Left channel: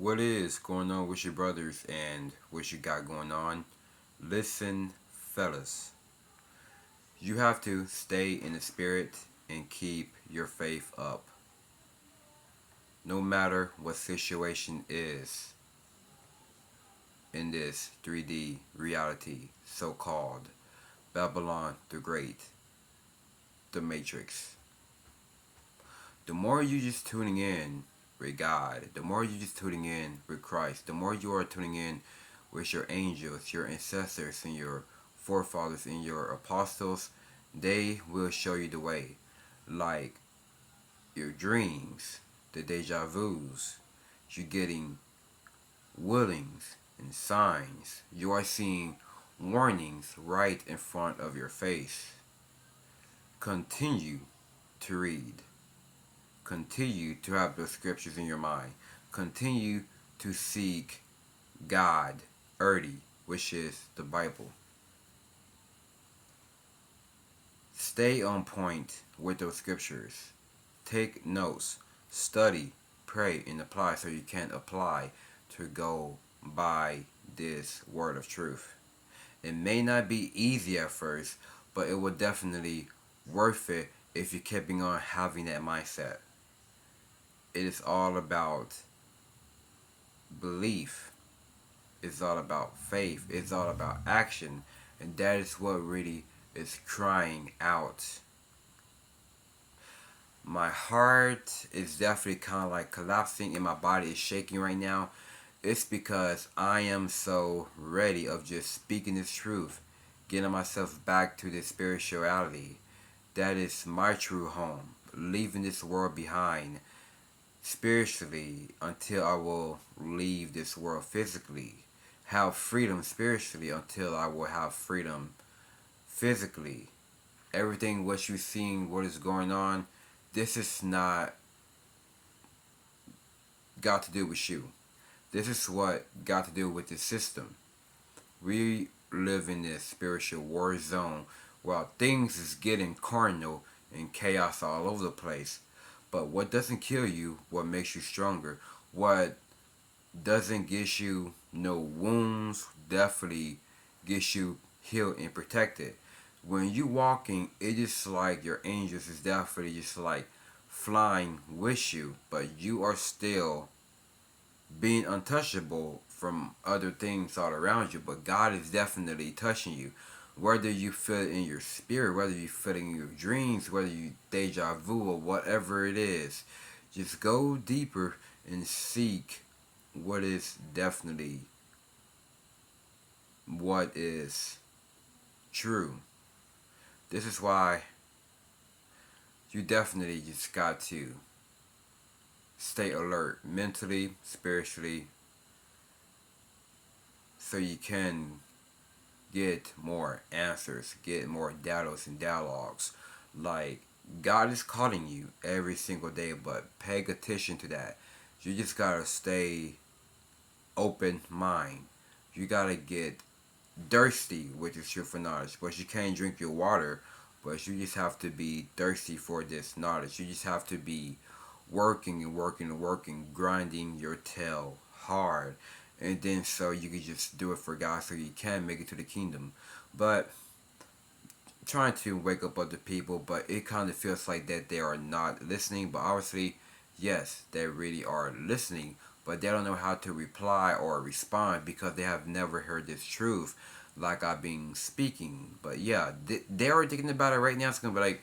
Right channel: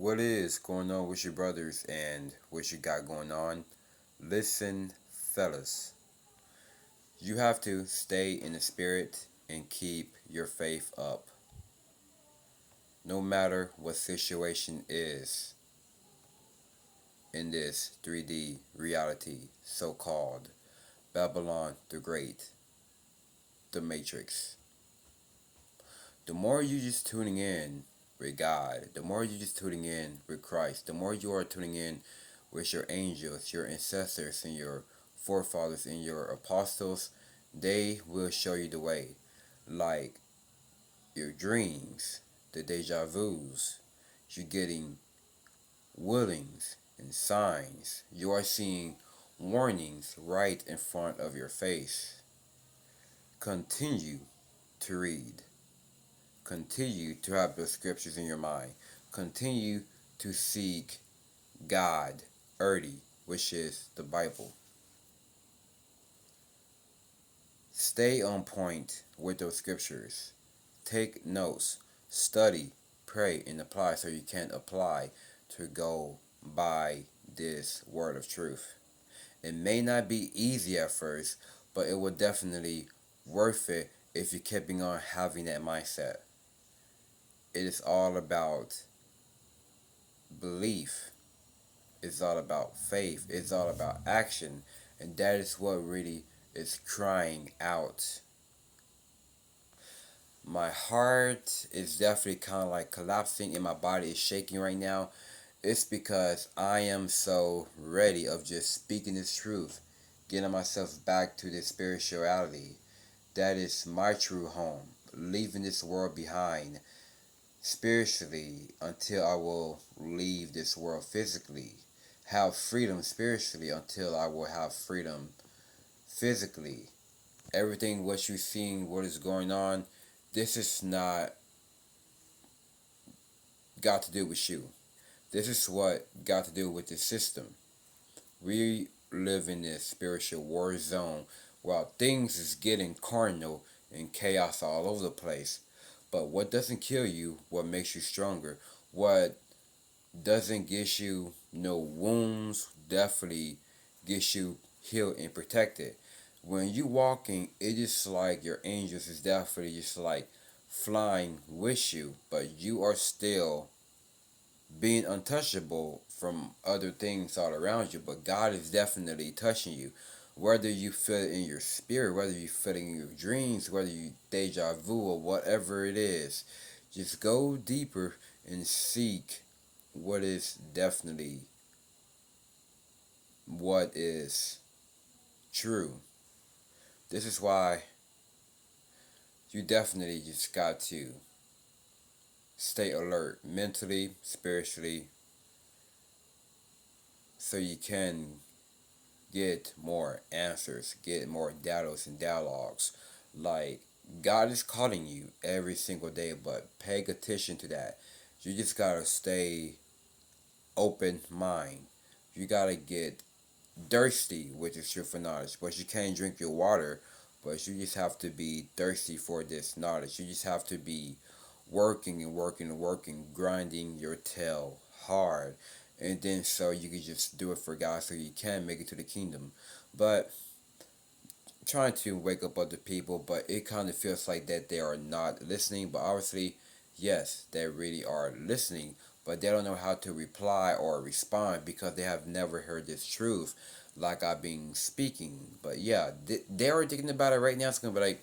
What is going on with your brothers and what you got going on? Listen, fellas, you have to stay in the spirit and keep your faith up. No matter what situation is in this 3D reality, so called Babylon the Great, the Matrix. The more you just tuning in with God, the more you just tuning in with Christ, the more you are tuning in with your angels, your ancestors, and your forefathers and your apostles, they will show you the way. Like your dreams, the deja vus, you're getting willings and signs. You are seeing warnings right in front of your face. Continue to read. Continue to have the scriptures in your mind. Continue to seek God early, which is the Bible. Stay on point with those scriptures. Take notes, study, pray, and apply so you can apply to go by this word of truth. It may not be easy at first, but it will definitely worth it if you're keeping on having that mindset. It is all about belief. It's all about faith. It's all about action. And that is what really is crying out. My heart is definitely kind of like collapsing and my body is shaking right now. It's because I am so ready of just speaking this truth, getting myself back to this spirituality. That is my true home, leaving this world behind spiritually until I will leave this world physically. Have freedom spiritually until I will have freedom physically. Everything what you're seeing, what is going on, this is not got to do with you. This is what got to do with the system. We live in this spiritual war zone while things is getting carnal and chaos all over the place. But what doesn't kill you, what makes you stronger, what doesn't get you no wounds, definitely gets you healed and protected. When you walking, it is like your angels is definitely just like flying with you, but you are still being untouchable from other things all around you. But God is definitely touching you. Whether you feel it in your spirit, whether you feel it in your dreams, whether you deja vu or whatever it is, just go deeper and seek what is definitely what is true. This is why you definitely just got to stay alert mentally, spiritually, so you can get more answers, get more dialogues and dialogues. Like, God is calling you every single day, but pay attention to that. You just gotta stay open mind. You gotta get thirsty with the truth of knowledge, but you can't drink your water. But you just have to be thirsty for this knowledge. You just have to be working and working and working, grinding your tail hard, and then so you can just do it for God, so you can make it to the kingdom. But trying to wake up other people, but it kind of feels like that they are not listening. But obviously, yes, they really are listening, but they don't know how to reply or respond because they have never heard this truth like I've been speaking. But yeah, they are thinking about it right now. It's gonna be like,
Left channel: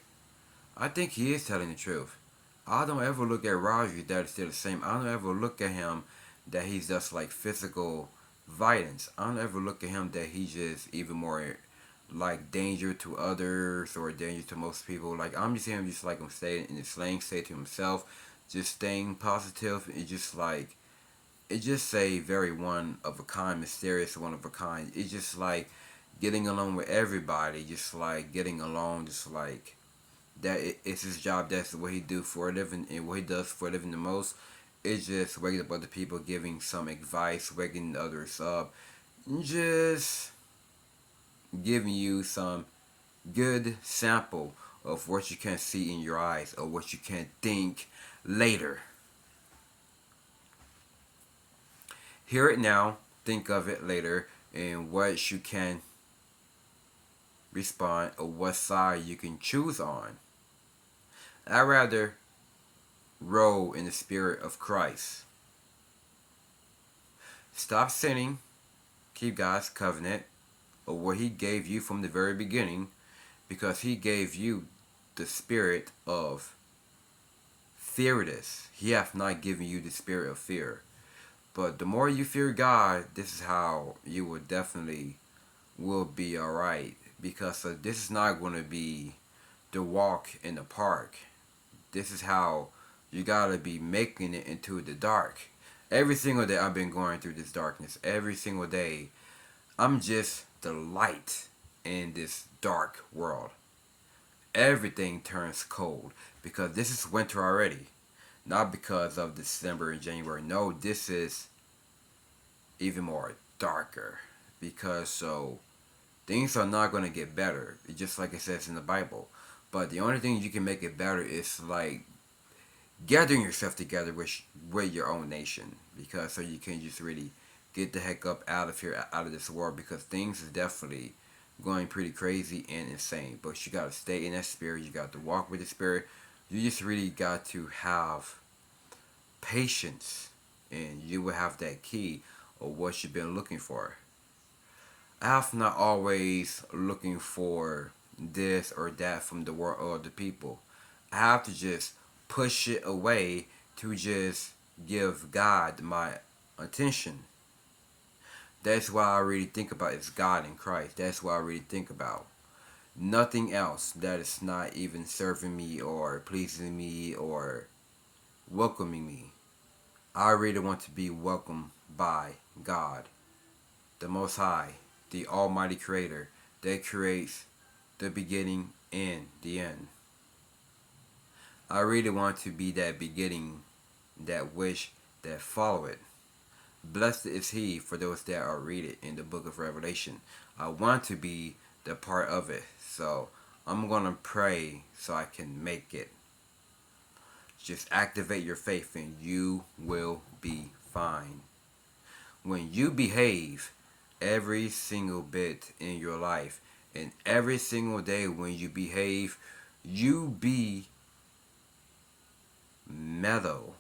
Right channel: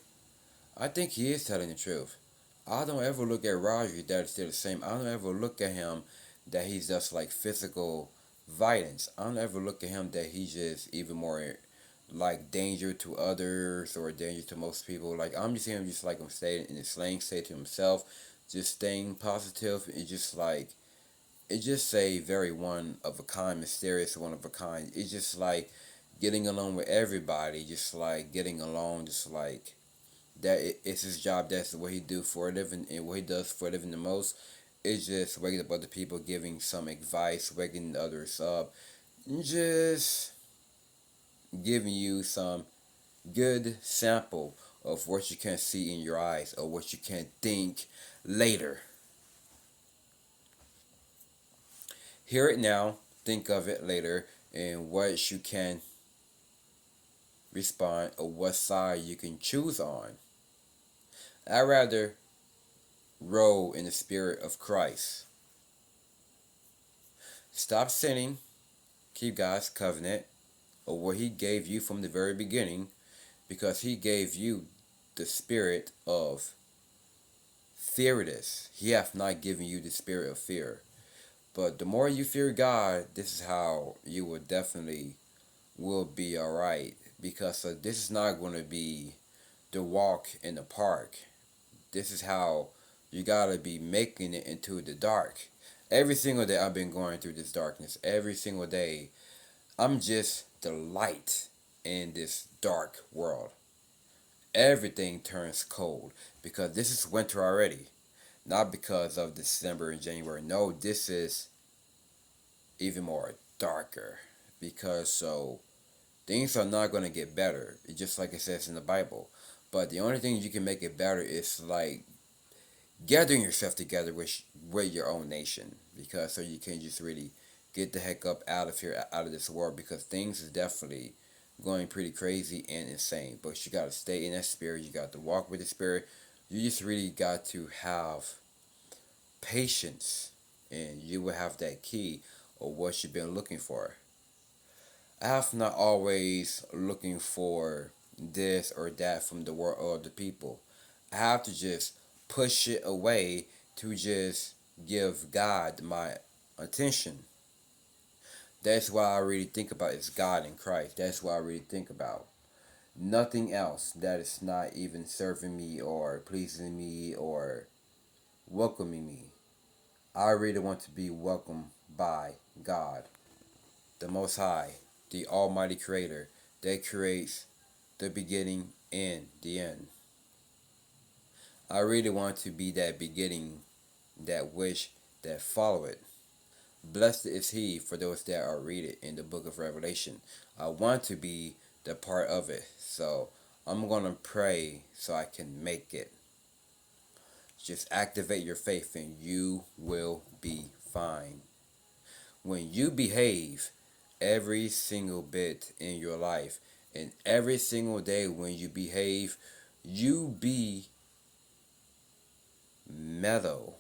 I think he is telling the truth. I don't ever look at Roger that is still the same. I don't ever look at him that he's just like physical violence. I don't ever look at him that he's just even more like danger to others or danger to most people. Like I'm just seeing him just like I'm saying in the slang, say to himself, just staying positive. It's just like it's just a very one of a kind, mysterious one of a kind. It's just like getting along with everybody, just like getting along, just like that. It's his job. That's what he do for a living, and what he does for a living the most is just waking up other people, giving some advice, waking others up, just giving you some good sample of what you can see in your eyes or what you can think later. Hear it now, think of it later, and what you can respond or what side you can choose on. I'd rather roll in the spirit of Christ. Stop sinning, keep God's covenant, or what He gave you from the very beginning, because He gave you the spirit of fearless. He hath not given you the spirit of fear. But the more you fear God, this is how you will definitely will be alright. Because this is not going to be the walk in the park. This is how you gotta be making it into the dark. Every single day I've been going through this darkness. Every single day I'm just the light in this dark world. Everything turns cold because this is winter already. Not because of December and January. No, this is even more darker. Because things are not going to get better. It's just like it says in the Bible. But the only thing you can make it better is like gathering yourself together with your own nation. Because so you can just really get the heck up out of here, out of this world. Because things is definitely going pretty crazy and insane. But you got to stay in that spirit. You got to walk with the spirit. You just really got to have patience. And you will have that key of what you've been looking for. I have not always looking for this or that from the world or the people. I have to just push it away to just give God my attention. That's what I really think about is God and Christ. That's what I really think about. Nothing else that is not even serving me or pleasing me or welcoming me. I really want to be welcomed by God, the Most High, the Almighty Creator that creates the beginning and the end. I really want to be that beginning, that wish, that follow it. Blessed is he for those that are read it in the book of Revelation. I want to be the part of it. So I'm going to pray so I can make it. Just activate your faith and you will be fine. When you behave every single bit in your life and every single day when you behave, you be mellow,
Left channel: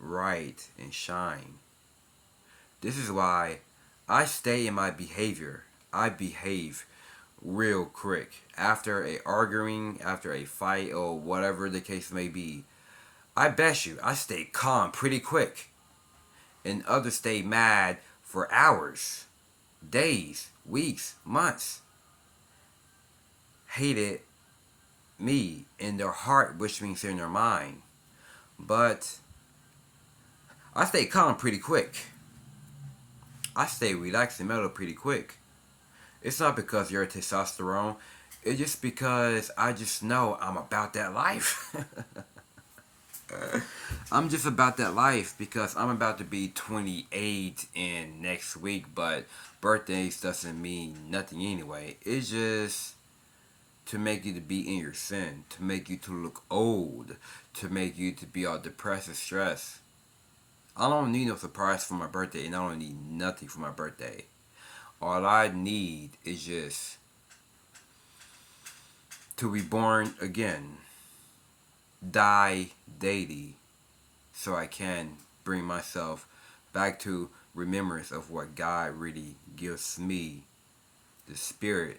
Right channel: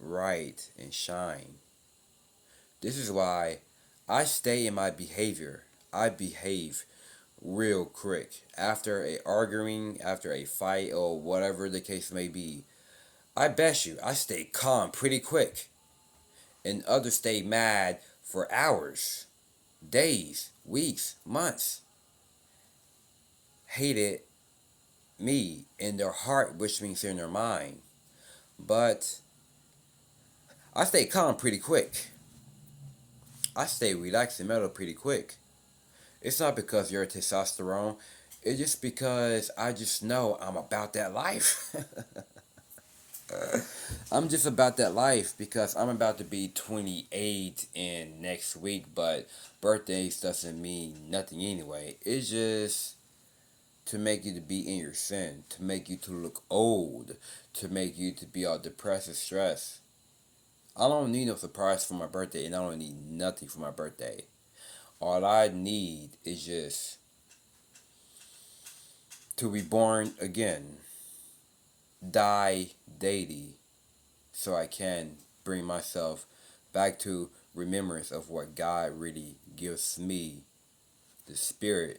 right, and shine. This is why I stay in my behavior. I behave real quick. After a arguing, after a fight, or whatever the case may be, I bet you I stay calm pretty quick. And others stay mad for hours, days, weeks, months. Hated me in their heart, which means in their mind. But I stay calm pretty quick. I stay relaxed and mellow pretty quick. It's not because you're testosterone. It's just because I just know I'm about that life. I'm just about that life because I'm about to be 28 in next week, but birthdays doesn't mean nothing anyway. It's just to make you to be in your sin, to make you to look old, to make you to be all depressed and stressed. I don't need no surprise for my birthday, and I don't need nothing for my birthday. All I need is just to be born again, die daily, so I can bring myself back to remembrance of what God really gives me, the spirit,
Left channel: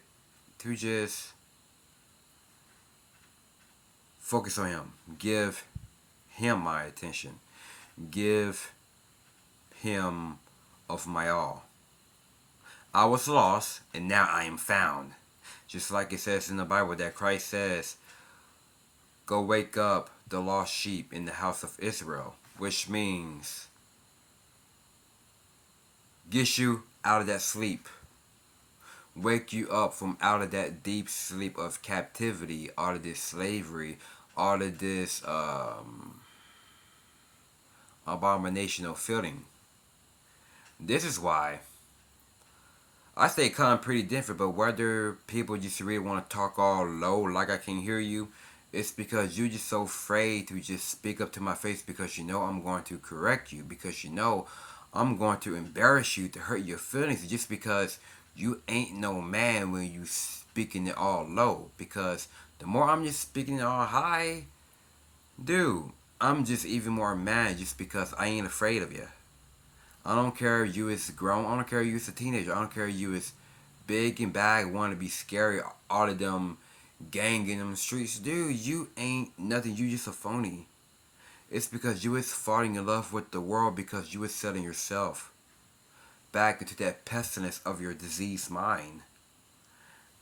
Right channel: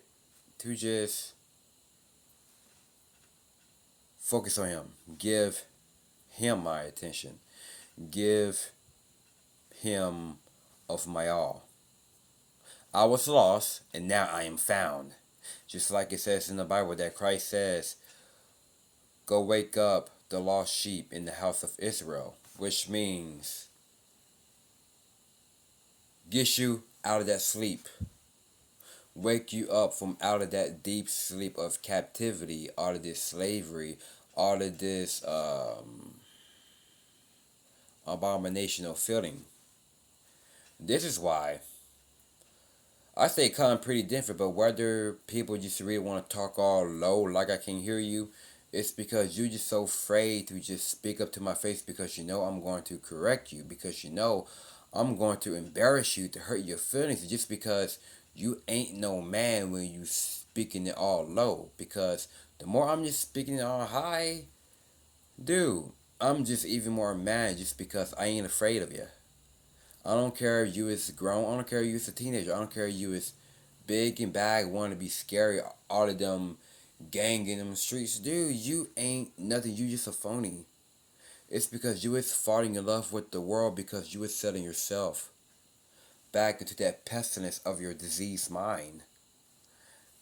to just focus on Him, give Him my attention, give Him of my all. I was lost, and now I am found. Just like it says in the Bible that Christ says, go wake up the lost sheep in the house of Israel, which means get you out of that sleep. Wake you up from out of that deep sleep of captivity, out of this slavery, out of this abominational feeling. This is why I stay calm pretty different, but whether people just really want to talk all low like I can hear you, it's because you're just so afraid to just speak up to my face because you know I'm going to correct you, because you know I'm going to embarrass you to hurt your feelings just because you ain't no man when you speaking it all low. Because the more I'm just speaking it all high, dude, I'm just even more mad just because I ain't afraid of you. I don't care if you is grown. I don't care if you is a teenager. I don't care if you is big and bad, want to be scary. All of them gang in them streets, dude. You ain't nothing. You just a phony. It's because you is falling in love with the world because you is setting yourself back into that pestilence of your diseased mind.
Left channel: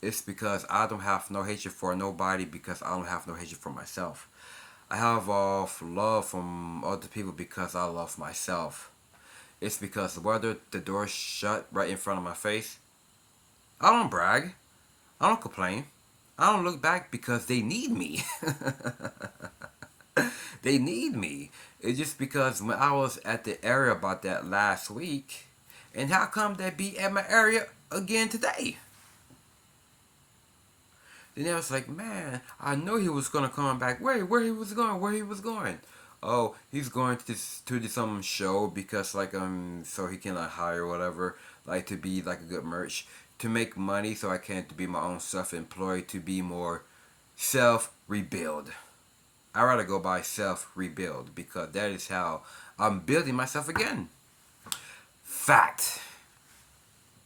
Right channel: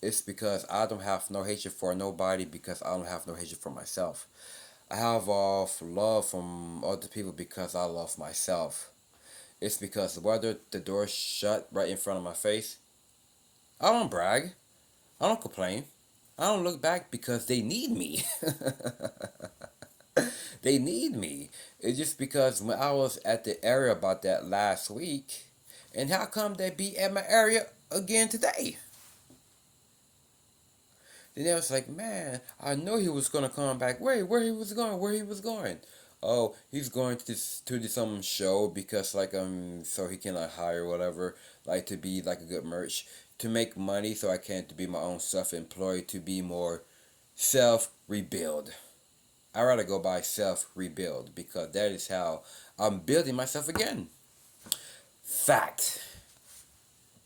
It's because I don't have no hatred for nobody because I don't have no hatred for myself. I have all love from other people because I love myself. It's because whether the door's shut right in front of my face, I don't brag. I don't complain. I don't look back because they need me. They need me. It's just because when I was at the area about that last week, and how come they be at my area again today? Then I was like, man, I know he was gonna come back. Wait, where he was going? Where he was going? Oh, he's going to some show because so he can like hire whatever like to be like a good merch to make money so I can to be my own self-employed to be more self-rebuild. I rather go by self-rebuild because that is how I'm building myself again. Fact.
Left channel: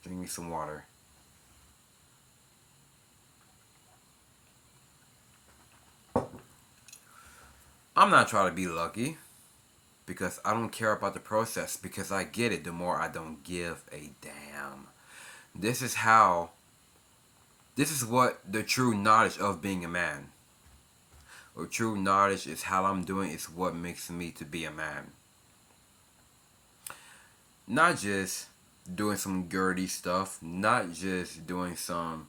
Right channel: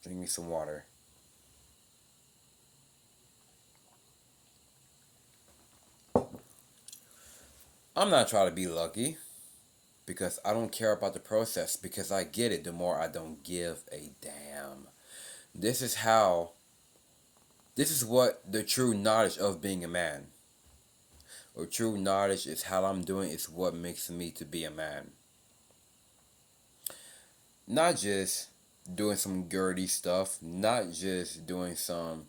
Drink me some water. I'm not trying to be lucky because I don't care about the process because I get it the more I don't give a damn. This is how, this is what the true knowledge of being a man, or true knowledge is how I'm doing is what makes me to be a man. Not just doing some girly stuff, not just doing some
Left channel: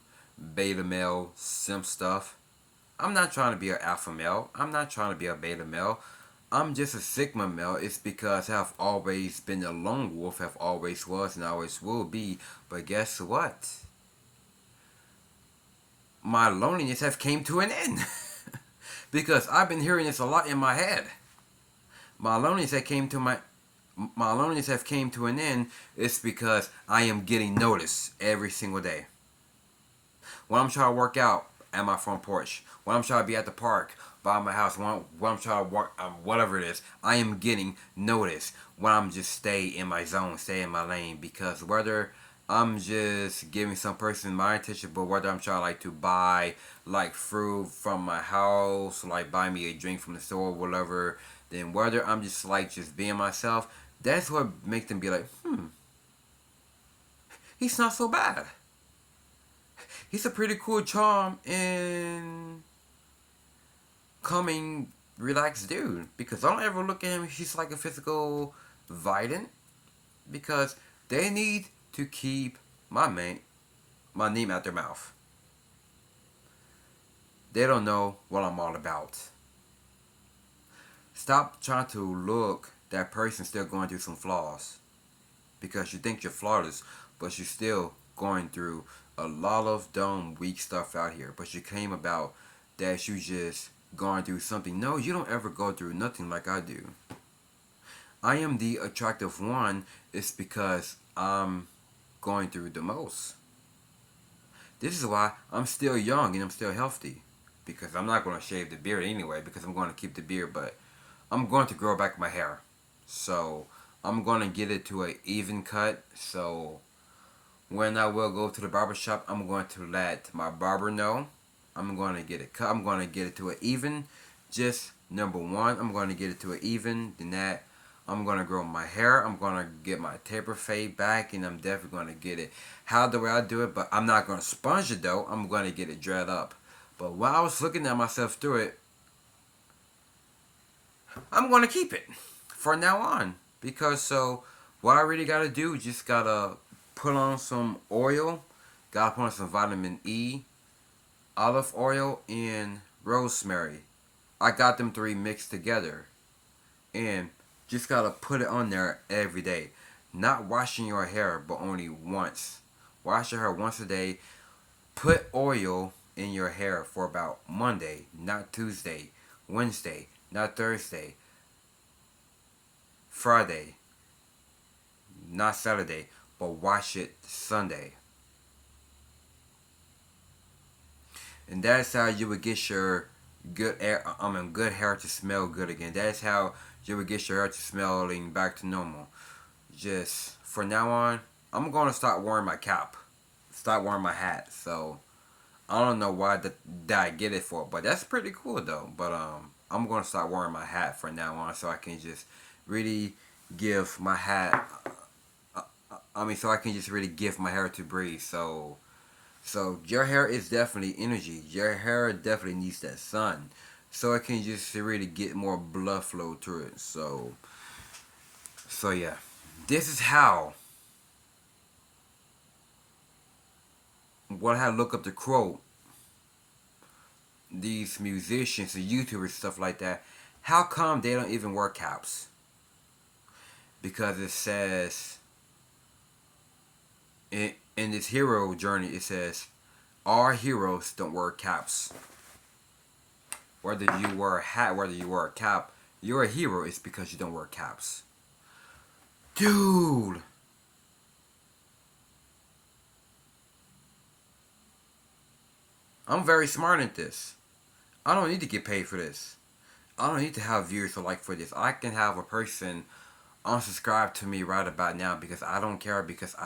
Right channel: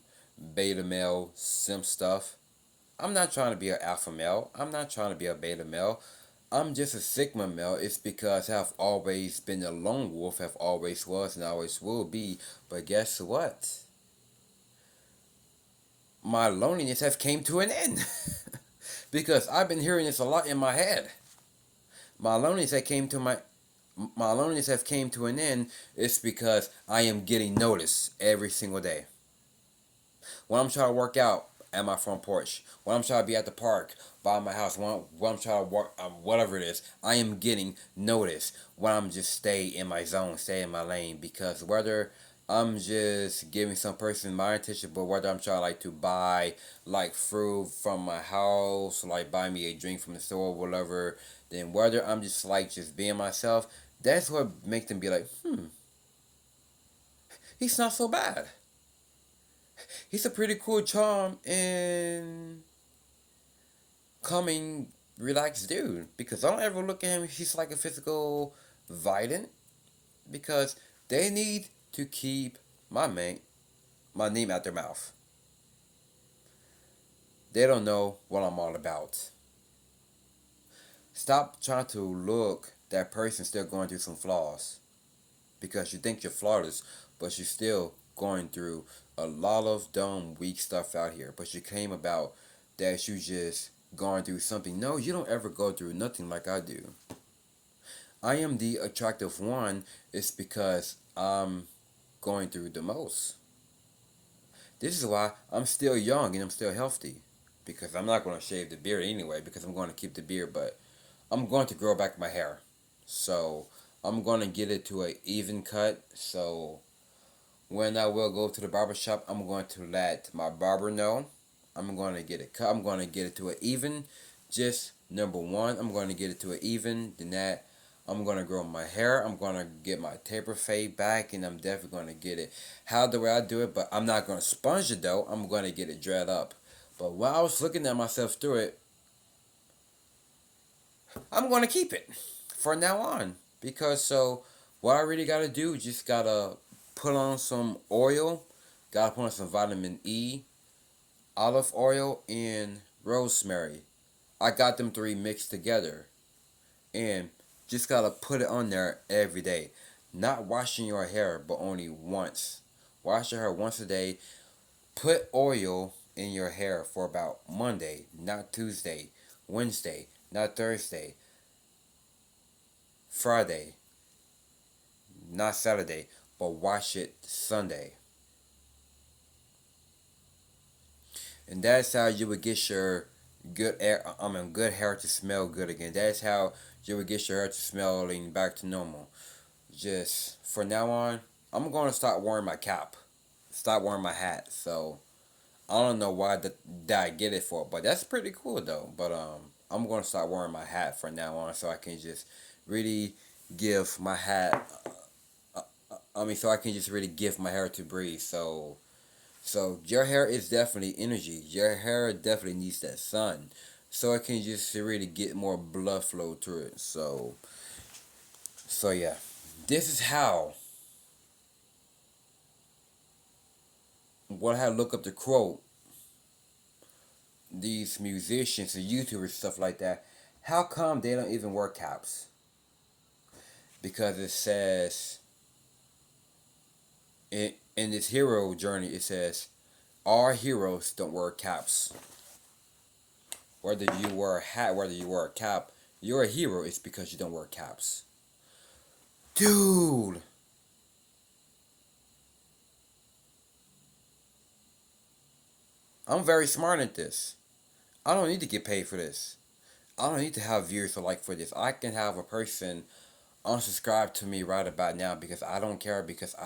beta male simp stuff. I'm not trying to be an alpha male. I'm not trying to be a beta male. I'm just a sigma male. It's because I've always been a lone wolf, have always was and always will be. But guess what? My loneliness has came to an end. Because I've been hearing this a lot in my head. My loneliness that came to my loneliness have came to an end is because I am getting noticed every single day. When I'm trying to work out at my front porch, when I'm trying to be at the park by my house, when I'm trying to work, whatever it is, I am getting noticed. When I'm just stay in my zone, stay in my lane, because whether I'm just giving some person my attention, but whether I'm trying like to buy like fruit from my house, like buy me a drink from the store, whatever, then whether I'm just like just being myself, that's what makes them be like, he's not so bad. He's a pretty cool charm and coming, relaxed dude. Because I don't ever look at him, he's like a physical violent. Because they need to keep my name out their mouth. They don't know what I'm all about. Stop trying to look that person still going through some flaws. Because you think you're flawless, but you're still going through a lot of dumb, weak stuff out here. But you came about that you just going through something. No, you don't ever go through nothing like I do. I am the attractive one. It's because I'm going through the most. This is why I'm still young and I'm still healthy. Because I'm not going to shave the beard anyway, because I'm going to keep the beard, but I'm going to grow back my hair. So I'm going to get it to an even cut. So when I will go to the barber shop, I'm going to let my barber know. I'm going to get it cut. I'm going to get it to an even. Just number one, I'm going to get it to an even. Then that, I'm going to grow my hair. I'm going to get my taper fade back, and I'm definitely going to get it how the way I do it. But I'm not going to sponge it though. I'm going to get it dread up. But while I was looking at myself through it, I'm going to keep it from now on. Because so, what I really got to do, just got to put on some oil, got to put on some vitamin E, olive oil, and rosemary. I got them three mixed together. And just got to put it on there every day. Not washing your hair, but only once. Wash your hair once a day. Put oil in your hair for about Monday, not Tuesday, Wednesday, not Thursday, Friday, not Saturday, but wash it Sunday. And that's how you would get your good hair to smell good again. That's how you would get your hair to smelling back to normal. Just for now on, I'm gonna stop wearing my cap, stop wearing my hat. So I don't know why that I get it for, but that's pretty cool though. But I'm gonna start wearing my hat from now on, so I can just really give my hat. So I can just really give my hair to breathe. So your hair is definitely energy. Your hair definitely needs that sun, so it can just really get more blood flow through it. So yeah, this is how. When I look up the quote, these musicians and YouTubers stuff like that, how come they don't even wear caps? Because it says in this hero journey, it says our heroes don't wear caps. Whether you wear a hat, whether you wear a cap, you're a hero. It's because you don't wear caps, dude. I'm very smart at this. I don't need to get paid for this. I don't need to have viewers to like for this. I can have a person unsubscribe to me right about now because I don't care because